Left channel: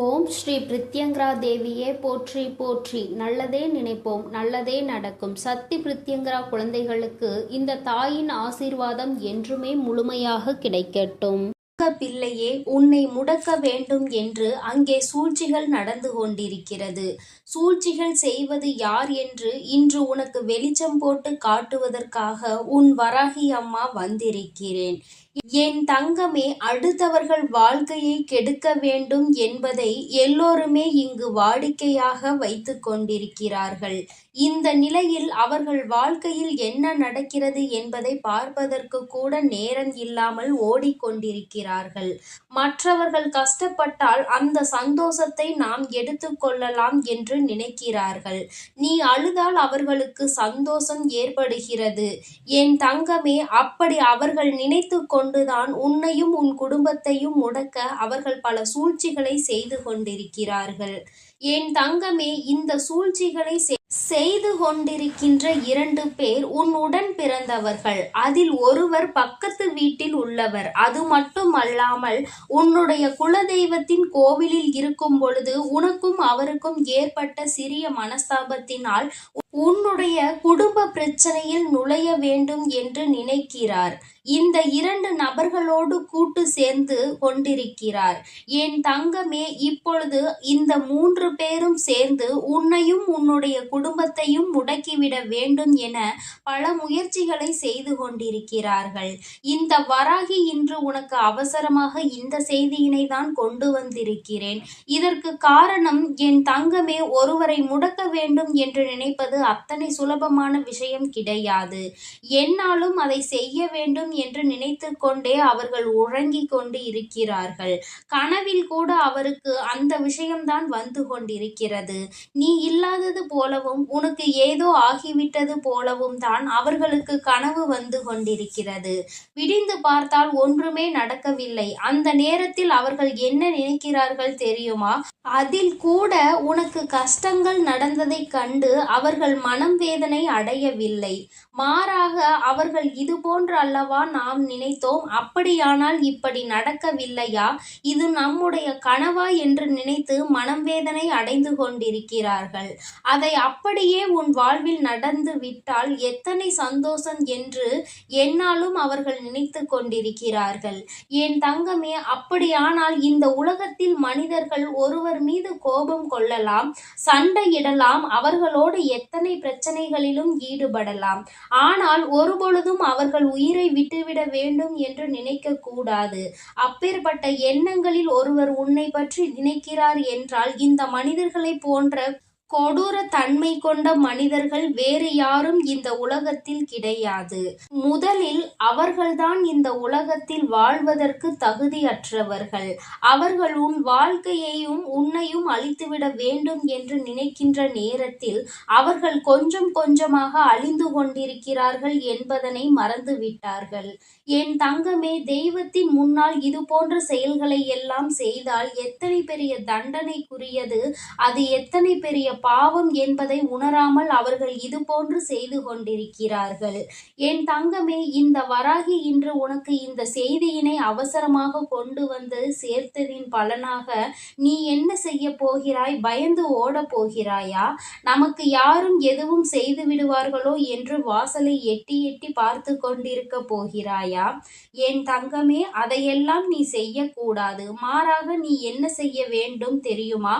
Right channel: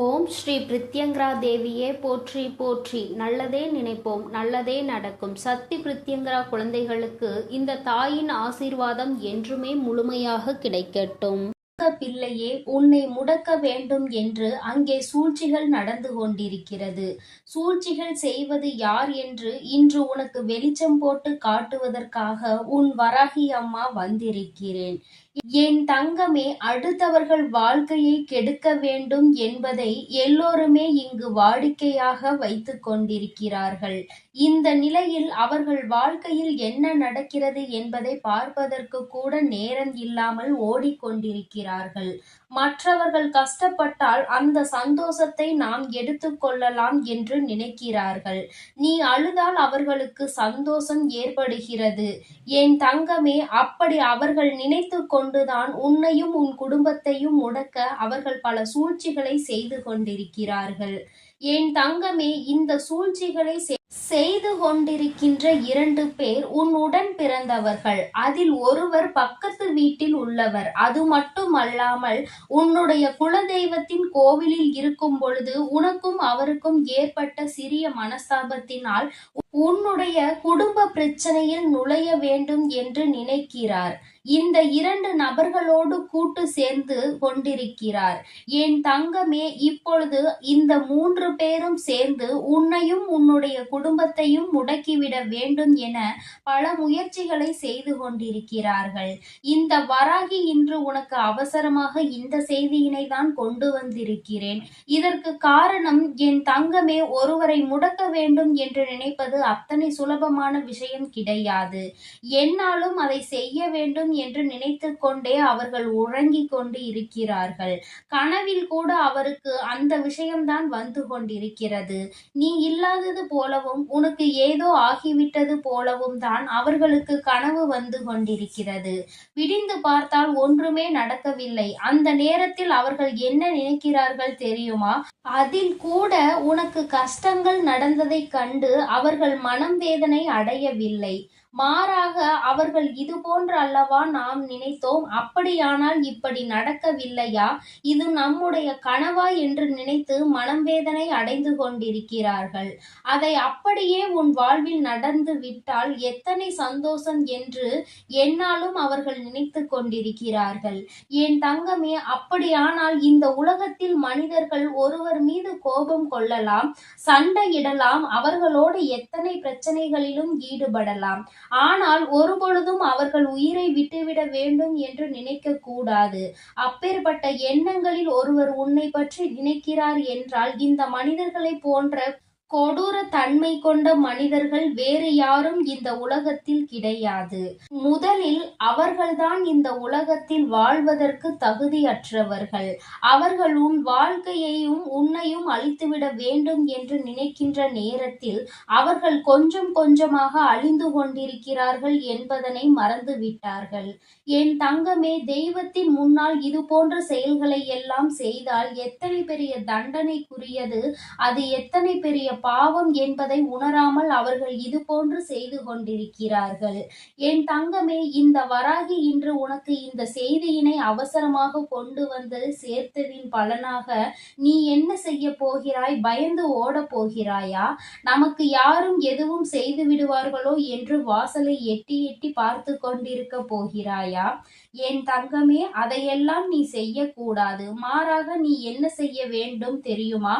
ஓம் ஸ்ரீ பிரித்யங்கரா தேவியே போற்றி போற்றி. நல்லதே நினைப்போம், நல்லதே நடக்கும். சக்தி பிரித்யங்கரா குழந்தைகளுக்கு இந்த தாயின் ஆசீர்வாதம் என்றுமே முழுமையாக கிடைக்கட்டும். பிள்ளையே, உன்னை முடக்க வேண்டும் என்று அங்கே சூழ்ச்சிகள் நடந்து கொண்டிருக்கிறது. சூழ்ச்சிகள் செய்வது யார் என்று இன்று உனக்கு வெளிச்சம் போட்டு காட்டுவதற்காக உன் வராகி அம்மா வந்திருக்கிறேன். என் தங்கமே, அடுத்தவர்கள் வாழ்க்கையை கெடுக்க வேண்டும் என்பதை எல்லோருமே இங்கு வாடிக்கையாக வைத்து கொண்டிருக்கிறார்கள். இந்த நிலையில் அவர்கள் வாழ்க்கையில் என்ன நடக்கிறது என்பதை பார்ப்பதற்கு கூட நேரம் இல்லாமல் ஓடிக்கொண்டிருக்கிறார்கள். மற்றவர்கள் கஷ்டப்பட்டால் அந்த சந்தோஷத்தை நாம் எடுத்துக்கொள்ளலாம் என்று நினைக்கிறார்கள். நீ அழுதால் அவர்களுக்கு சந்தோஷம் ஏற்படுகிறது. என் தங்கமே, அப்படி அவர்கள் நினைத்து கொண்டுதான் உன்னையும் உன் குடும்பத்தையும் முடக்க அவர்கள் பல சூழ்ச்சிகளை செய்து கொண்டிருக்கிறார்கள். என் தங்கமே, இந்த சூழ்ச்சிகளை செய்து கொண்டிருக்கின்ற 2 பேர் உன் உடன் பிறந்தவர்கள். அதில் ஒருவர் பக்கத்து வீட்டில் உள்ளவர். அது மட்டுமல்லாமல் உன்னுடைய குலதெய்வத்தின் கோவிலில் இருக்கும் பொழுது உனக்கும் அவருக்கும் ஏற்பட்ட சிறிய மனஸ்தாபத்தினால் உன்னுடைய குடும்ப பிரச்சனையில் நுழைய வேண்டும் என்று நினைக்கிறார். இந்த 2 நபர்களோடு கூட்டு சேர்ந்து கொண்டிருக்கிறார். என் தங்கமே, இப்பொழுது இந்த 3 பேரும் சேர்ந்து உன்னையும் உன்னுடைய குடும்பத்தையும் முடக்கிவிட வேண்டும் என பல முயற்சிகளை செய்து கொண்டிருக்கிறார்கள். இந்த வராகி இன்று உனக்கு அவசரமாக இந்த செய்தியினை தான் கொண்டு வந்திருக்கிறேன். இதற்கு காரணம் என் தங்கமே, ஒருவரை முடக்க வேண்டும் என்று நினைப்பது அத்தனை சுலபமான விஷயம் கிடையாது. என்னாலும் அதை செய்ய வேண்டும் என்று நினைத்து கொண்டே அவர்கள் உறங்கிக் கொண்டு இருக்கிறார்கள். கனவில் கூட அவருக்கு அந்த விஷயம்தான் வந்து கொண்டிருக்கிறது. நீ இல்லாதது போலவும் உனக்கு ஏதோ ஆகிவிட்டது போலவும் தான் அவர்களுக்கு கனவு வந்து கொண்டிருக்கிறது. விடிந்து பார்த்தால் ஒன்றுமே நடக்கவில்லை. அந்த நேரத்தில் அவர்கள் என்ன நினைக்கிறார்கள் தெரியுமா? அதில் கூட உனக்கு கஷ்டங்கள் நடந்ததை கண்டு அவர்கள் மனம் வேதனை அடையவில்லை. மாறாக அவர்கள் இது போன்று அல்லவா நாம் நினைத்தோம், அப்படியானால் இப்படி நடக்கவில்லையா, இது நம்முடைய கனவா என்று நினைத்து மனம் வேதனை அடைந்து கொண்டிருக்கிறார்கள். அதை அப்படியே உன் வாழ்வில் நடந்து விட்டால் எத்தனை சந்தோஷம் என்று என்னாலும் அவர்கள் நினைத்து கொண்டிருக்கிறார்கள். என் தங்கமே, அப்படியானால் இந்த உலகத்தில் மனிதர்கள் ஒருவர் மீது கோபம் கொள்ளலாம், சண்டையிடலாம், அவர்களோடு எத்தனை பிரச்சனைகளிலும் ஈடுபடலாம். ஆனால் ஒருபொழுதும் அவர்கள் உயிரை விட்டுவிட வேண்டும் என்று நினைக்க கூடாது. அப்பேற்பட்ட எண்ணங்களில் ஒருவர் உன்னை பற்றி நினைக்கிறார் என்றால் இந்த மனிதர்களை போன்ற கொடூர தன்மை கொண்ட மனிதர்கள் வேறு யாரும் இந்த உலகத்தில் கிடையாது. முதலில் அவர்கள்தான் இந்த உலகத்தில் வாழ்வதற்கு தகுதியற்றவர்கள். அவர்கள் உன் வாழ்க்கையையும் உன்னையும் அழித்துவிட வேண்டும் என்று நினைக்கின்ற நேரத்தில் அவர்கள் கொஞ்சம் கொஞ்சமாக அழிந்து கொண்டிருக்கிறார்கள் என்பதனை மறந்துவிட்டார்கள். என் தங்கமே, தெய்வத்தின் முன்னால் இது போன்ற செயல்களை எல்லாம் செய்தால் எத்தனை பெரிய தண்டனைக்குரியது, அது எத்தனை பெரிய பாவம் என்பதை உணராமல் அவர்கள் இது போன்று செய்து கொண்டிருக்கிறார்கள். என் தங்கமே, இந்த வராகி இன்று உனக்கு இந்த செய்தியினை அவசரமாக கொண்டு வந்து சேர்த்ததின் பலனாக நீ என்ன செய்ய போகிறாய்? பயந்து ஓட போகிறாயா? நமக்கு யாரும் எதுவும் செய்து விடுவார்களோ என்று வாசலை எட்டி எட்டி பார்த்து கொண்டிருக்க போகிறாயா? என் தங்கமே, அதையெல்லாம் நீ செய்யக்கூடாது. மாறாக நீ என்ன செய்ய வேண்டும் தெரியுமா?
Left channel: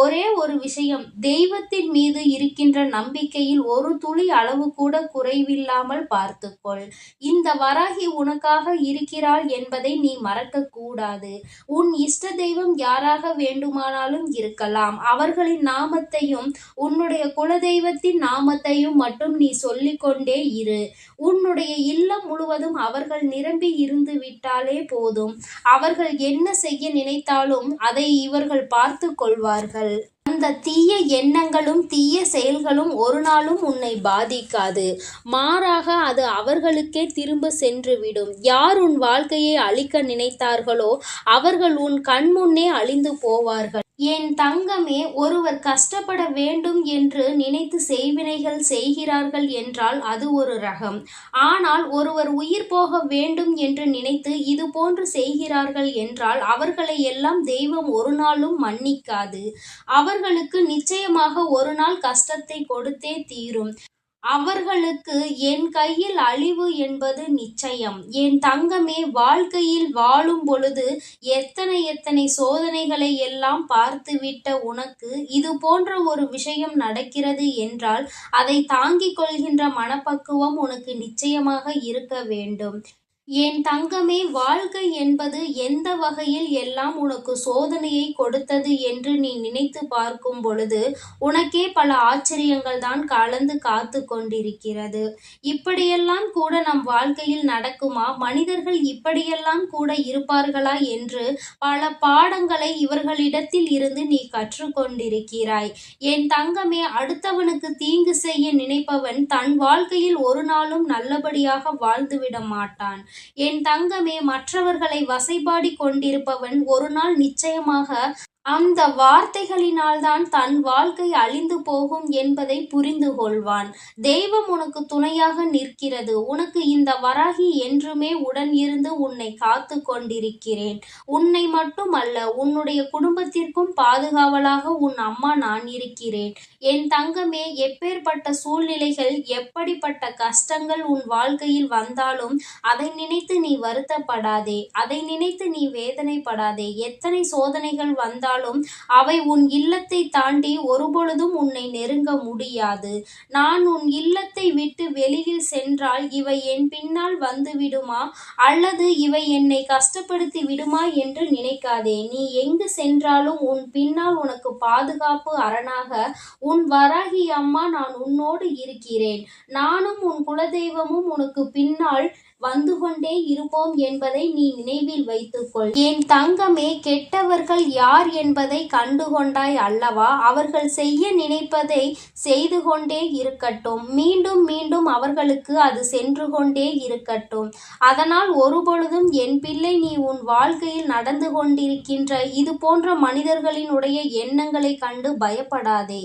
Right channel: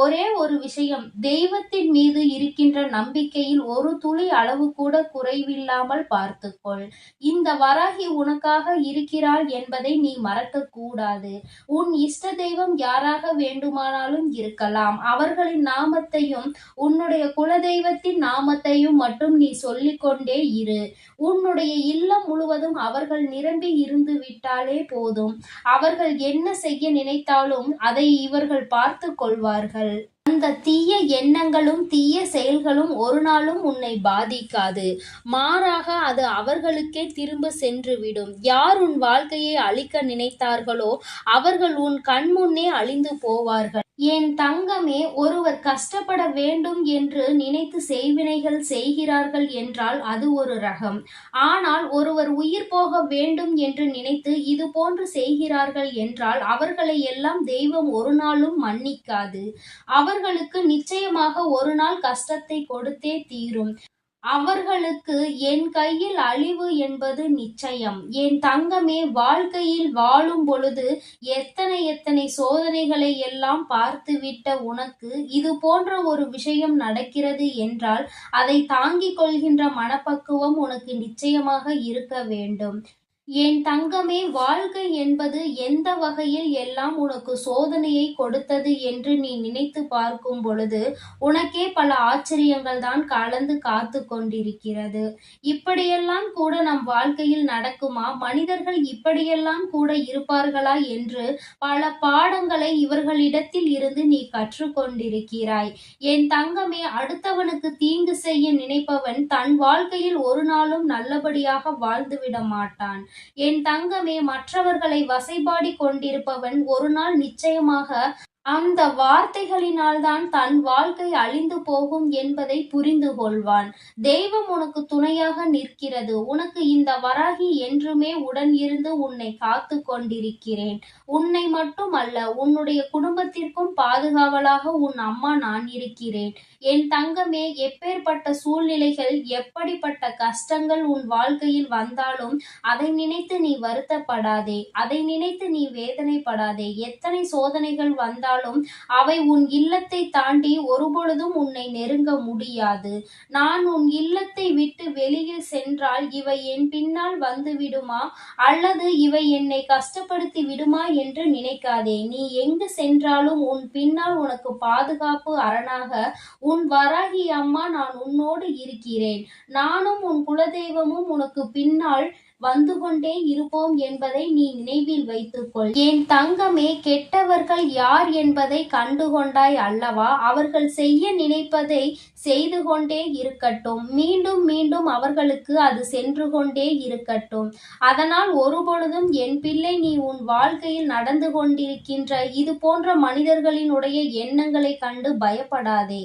ஒரே ஒரு விஷயம், தெய்வத்தின் மீது இருக்கின்ற நம்பிக்கையில் ஒரு துளி அளவு கூட குறைவில்லாமல் பார்த்துக்கொள். இந்த வராகி உனக்காக இருக்கிறாள் என்பதை நீ மறக்க கூடாது. உன் இஷ்ட தெய்வம் யாராக வேண்டுமானாலும் இருக்கலாம். அவர்களின் நாமத்தையும் உன்னுடைய குலதெய்வத்தின் நாமத்தையும் மட்டும் நீ சொல்லிக்கொண்டே இரு. உன்னுடைய இல்லம் முழுவதும் அவர்கள் நிரம்பி இருந்து விட்டாலே போதும். அவர்கள் என்ன செய்ய நினைத்தாலும் அதை இவர்கள் பார்த்து கொள்வார்கள். அந்த தீய எண்ணங்களும் தீய செயல்களும் ஒரு நாளும் உன்னை பாதிக்காது. மாறாக அது அவர்களுக்கே திரும்ப சென்றுவிடும். யார் உன் வாழ்க்கையை அழிக்க நினைத்தார்களோ அவர்கள் உன் கண் முன்னே அழிந்து போவார்கள். என் தங்கமே, ஒருவர் கஷ்டப்பட வேண்டும் என்று நினைத்து செய்வினைகள் செய்கிறார்கள் என்றால் அது ஒரு ரகம். ஆனால் ஒருவர் உயிர் போக வேண்டும் என்று நினைத்து இது போன்று செய்கிறார்கள் என்றால் அவர்களை எல்லாம் தெய்வம் ஒரு நாளும் மன்னிக்காது. அவர்களுக்கு நிச்சயமாக ஒரு நாள் கஷ்டத்தை கொடுத்தே தீரும். அவர்களுக்கு என் கையில் அழிவு என்பது நிச்சயம். என் தங்கமே, வாழ்க்கையில் வாழும் பொழுது எத்தனை எத்தனை சோதனைகளை எல்லாம் பார்த்துவிட்ட உனக்கு இது போன்ற ஒரு விஷயம் நடக்கிறது என்றால் அதை தாங்கிக் கொள்கின்ற மனப்பக்குவம் உனக்கு நிச்சயமாக இருக்க வேண்டும். என் தங்கமே, வாழ்க்கை என்பது எந்த வகையில் எல்லாம் உனக்கு சோதனையை கொடுத்தது என்று நீ நினைத்து பார்க்கும் பொழுது உனக்கே பல ஆச்சரியங்கள் தான் கலந்து காத்து கொண்டிருக்கிறது. இப்படியெல்லாம் கூட நம் வாழ்க்கையில் நடக்குமா? மனிதர்கள் இப்படியெல்லாம் கூட இருப்பார்களா என்று பல பாடங்களை இவர்களிடத்தில் இருந்து நீ கற்றுக்கொண்டிருக்கிறாய். என் தங்கமே, அடுத்தவனுக்கு தீங்கு செய்ய நினைப்பவன் தன் வாழ்க்கையில் ஒரு நாளும் நல்லபடியாக வாழ்ந்துவிட மாட்டான். என் தங்கமே, மற்றவர்களை வசைபாடி கொண்டிருப்பவன் ஒரு நாள் நிச்சயமாக அந்த வார்த்தைகளினால்தான் தன் வாழ்க்கை அழிந்து போகும் என்பதை புரிந்து கொள்வான். தெய்வம் உனக்கு துணையாக நிற்கிறது. உனக்கு இந்த வராகி என்றுமே உடன் இருந்து உன்னை காத்து கொண்டிருக்கிறேன். உன்னை மட்டும் அல்ல, உன்னுடைய குடும்பத்திற்கும் பாதுகாவலாக உன் அம்மா நான் இருக்கிறேன். என் தங்கமே, எப்பேற்பட்ட சூழ்நிலைகள், எப்படிப்பட்ட கஷ்டங்கள் உன் வாழ்க்கையில் வந்தாலும் அதை நினைத்து நீ வருத்தப்படாதே. அதை நினைத்து நீ வேதனைப்படாதே. எத்தனை சோதனைகள் வந்தாலும் அவை உன் இல்லத்தை தாண்டி ஒருபொழுதும் உன்னை நெருங்க முடியாது. நான் உன் இல்லத்தை விட்டு வெளியில் சென்றால் இவை என் பின்னால் வந்து விடுமா அல்லது இவை என்னை கஷ்டப்படுத்தி விடுமா என்று நினைக்காதே. நீ எங்கு சென்றாலும் உன் பின்னால் உனக்கு பாதுகாப்பு அரணாக உன் வராகி அம்மா நான் உன்னோடு இருக்கிறேன். நானும் உன் குலதெய்வமும் உனக்கு பின்னால் வந்து கொண்டே இருப்போம் என்பதை நீ நினைவில் வைத்துக்கொள். என் தங்கமே, கெட்டவர்கள் யார் என்பதை கண்டுகொண்டாய் அல்லவா? அவர்கள் செய்ய நினைப்பதை செய்து கொண்டே இருக்கட்டும். மீண்டும் மீண்டும் அவர்களுக்கு அது சென்று கொண்டே இருக்கட்டும். அதனால் ஒருபொழுதும் என் பிள்ளை, நீ உன் வாழ்க்கையில் நடந்து கொண்டிருக்கின்ற இது போன்ற மனிதர்களினுடைய எண்ணங்களை கண்டு பயப்படாதே.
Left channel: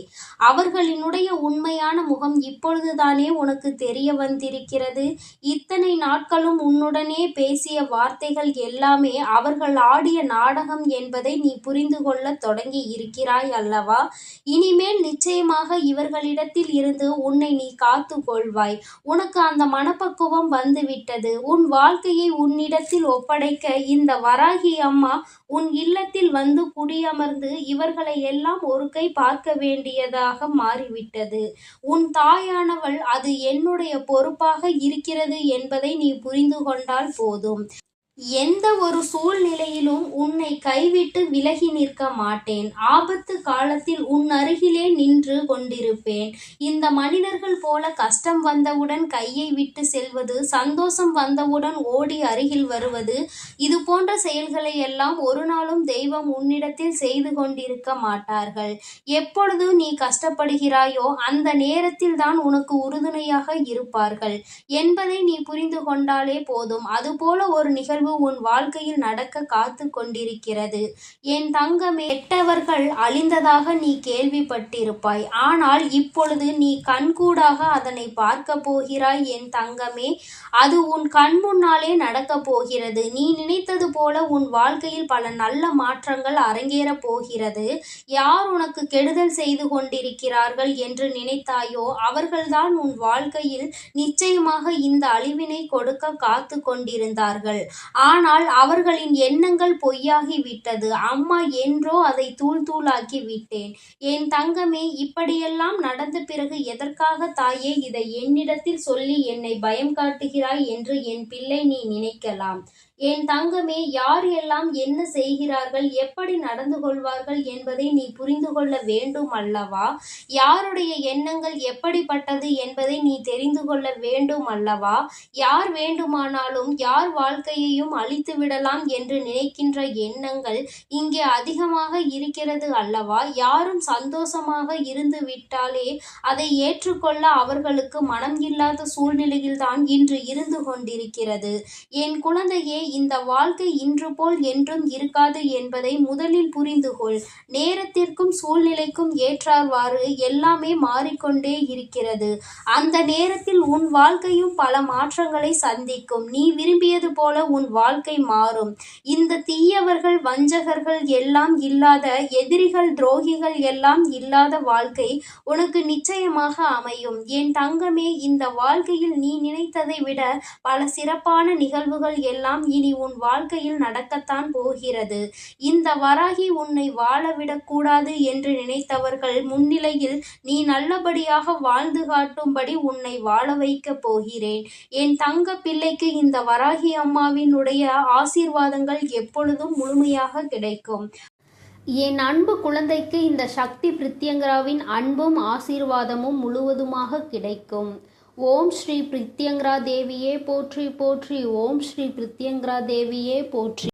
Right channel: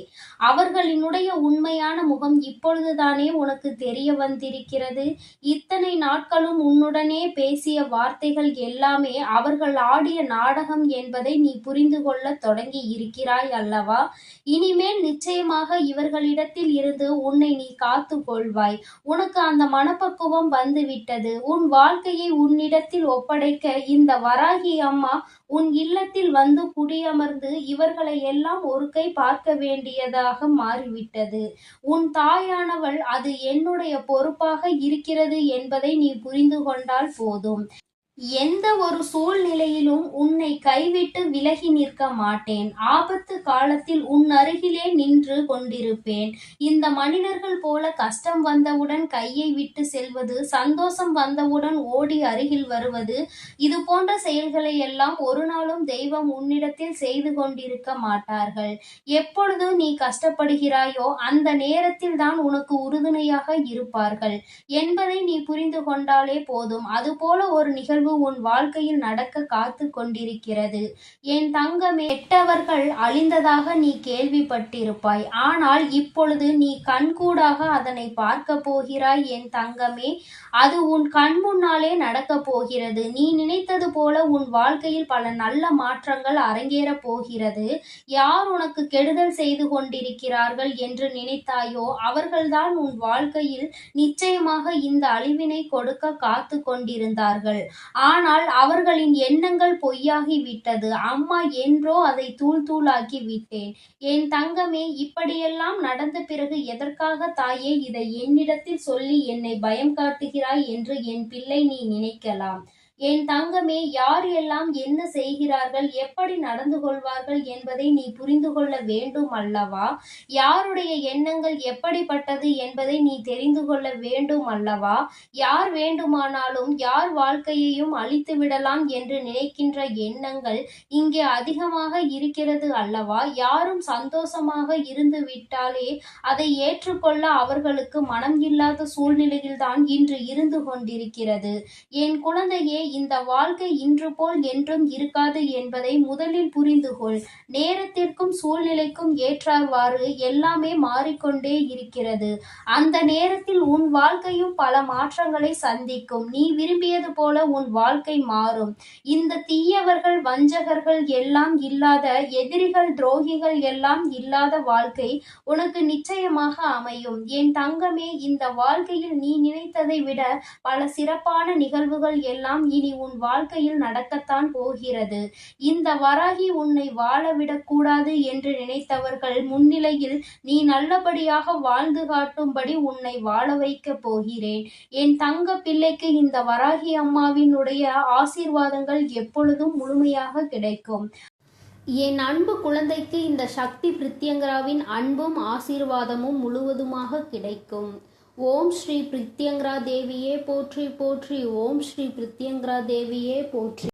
அவர்களினுடைய உண்மையான முகம் இப்பொழுதுதானே உனக்கு தெரிய வந்திருக்கிறது. இத்தனை நாட்களும் உன்னுடனே பேசிய வார்த்தைகள் எல்லாமே அவர்கள் ஆடிய நாடகம் என்பதை நீ புரிந்து கொள்ள தொடங்கி இருக்கிறாய் அல்லவா? இனிமேல் நிச்சயமாக இவர்களிடத்தில் இருந்து உன்னை நீ காத்து கொள்வாய். உனக்கு அந்த மனப்பக்குவம் வந்துவிட்டது. உன் வாழ்க்கையை உன்னிடத்தில் ஒப்படைக்க இந்த வராகி அம்மா உன் இல்லத்தில் வந்து குடியமர்ந்து இவர்களை எல்லாம் ஒரு கை பார்க்க வேண்டியதாக மாறிவிட்டது. உன் தாயானவள் அது என்னுடைய பொறுப்பாக இருக்கிறது என்பதை நீ புரிந்து கொண்டால் போதும். எந்த ஒரு சூழ்நிலையிலும் உன்னை கைவிட்டு விலகி நிற்க மாட்டேன். ஆபத்து காலத்தில் உன் அருகிலே நின்று கொண்டிருப்பேன். இந்த மனிதர்கள் போல கஷ்டம் வந்தவுடன் கையை விட்டு செல்வது, சந்தோஷம் வந்தவுடன் ஓடி அருகில் வருவது, இது போன்ற செயல்களை எல்லாம் ஒரு நாளும் தெய்வம் உன்னிடத்தில் செய்து கொண்டிருக்க மாட்டார்கள். எப்பொழுது நீ கஷ்டப்படுகிறாயோ அந்த நேரத்தில் தான் உனக்கு உறுதுணையாக இருப்பார்கள் என்பதை நீ புரிந்து கொண்டாலே போதும். அதுபோல ஒரு நிகழ்வு உன் வாழ்க்கையில் நடக்க காத்து கொண்டிருக்கிறது. என் தங்கமே, கெட்டவர்கள் அழிந்ததாக நீ கேள்விப்பட்டிருப்பாய். ஆனால் இப்பொழுது நீ கண்கூடாக அதனை பார்க்க போகிறாய் என் தங்கமே. அது உன் கண் முன்னாலே நடக்க போகிறது. நீ நினைத்தது போல உன் வாழ்க்கையில் பல நல்ல மாற்றங்கள் அரங்கேறப் போகிறது. யார் உனக்கு கெடுதல் செய்து கொண்டிருக்கிறார்கள் என்று நினைத்தாயோ அவர்கள்தான் உன் வாழ்க்கையில் நிச்சயமாக இந்த அழிவினை கொடுக்க காத்து கொண்டிருந்தார்கள். ஆனால் அவர்களின் எண்ணங்கள் பொய்யாகி விட்டது. அம்மா என்றோ அதை தூள் தூளாக்கி விட்டேன். என் தங்கமே, இப்படியெல்லாம் நடந்த பிறகு எதற்காக தாயே இதை என்னிடத்தில் சொல்லி என்னை பயம் காட்டுகிறாய் என்று என் பிள்ளை நீ நினைக்கலாம். என் தங்கமே, யார் எல்லாம் என்ன செய்கிறார்கள், எப்படி நடந்து கொள்வார்கள் என்பதை நீ புரிந்து கொள்ள வேண்டும் அல்லவா? யாருடைய எண்ணங்கள் எப்படிப்பட்டது என்பதை நீ தெரிந்து கொள்ள வேண்டும் அல்லவா? யார் வேண்டுமானாலும் யார் வாழ்க்கையையும் அழித்து விடலாம் என்று நினைக்கின்ற எண்ணங்கள் இங்கே அதிகமாக இருக்கிறது அல்லவா? யாரும் சந்தோஷமாக இருந்து விட்டாலே அதை ஏற்றுக்கொள்ள அவர்களுக்கு மனம் இல்லாத சூழ்நிலையில்தான் இன்று இருந்து கொண்டிருக்கிறது. என் குழந்தையே, இந்த வாழ்க்கை இன்று போல் என்றும் இருக்காது என்பதை முதலில் புரிந்து கொள். நேரத்திற்கும் சூழ்நிலைக்கும் ஏற்றவாறு எல்லாமே மாறிக்கொண்டே இருக்கிறது. அந்த நேரத்தில் உன் வாழ்க்கையும் பல மாற்றங்களை சந்திக்கும். நீ விரும்பியது போல உன் வாழ்க்கை மாறும். இந்த தீயவர்கள், வஞ்சகர்கள் எல்லாம் இல்லாத, எதிரிகள், துரோகிகள் எல்லாம் இல்லாத வாழ்க்கை உனக்கு நிச்சயமாக அமையும். என் தங்கமே, இந்த வாழ்க்கையில் நீ நினைத்ததை விட பல சிறப்பான நிகழ்வுகள் எல்லாம் இனி உன் வாழ்க்கையில் நடக்கத்தான் போகிறது. இந்த வராகி உன்னை வாழவிடக்கூடாது என்று நினைத்தவர்கள் முன்னிலையில் நீ நல்லபடியாக வாழ்ந்து காட்டும்படி உன்னை வாழ வைக்கப் போகிறேன். என் தங்க பிள்ளைக்கு இந்த வராகி அம்மாவினுடைய ஆசீர்வாதங்கள் எப்பொழுதும் முழுமையாக கிடைக்கும். என் அன்பு குழந்தைக்கு இந்த சக்தி பிரித்யங்கராவின் அன்பும் ஆசீர்வாதமும் முழுவதுமாக கிடைக்கும். ஓம் ஸ்ரீ பிரித்யங்கரா தேவியே போற்றி போற்றி. ஓம் ஸ்ரீ பிரித்யங்கரா தேவியே போற்றி.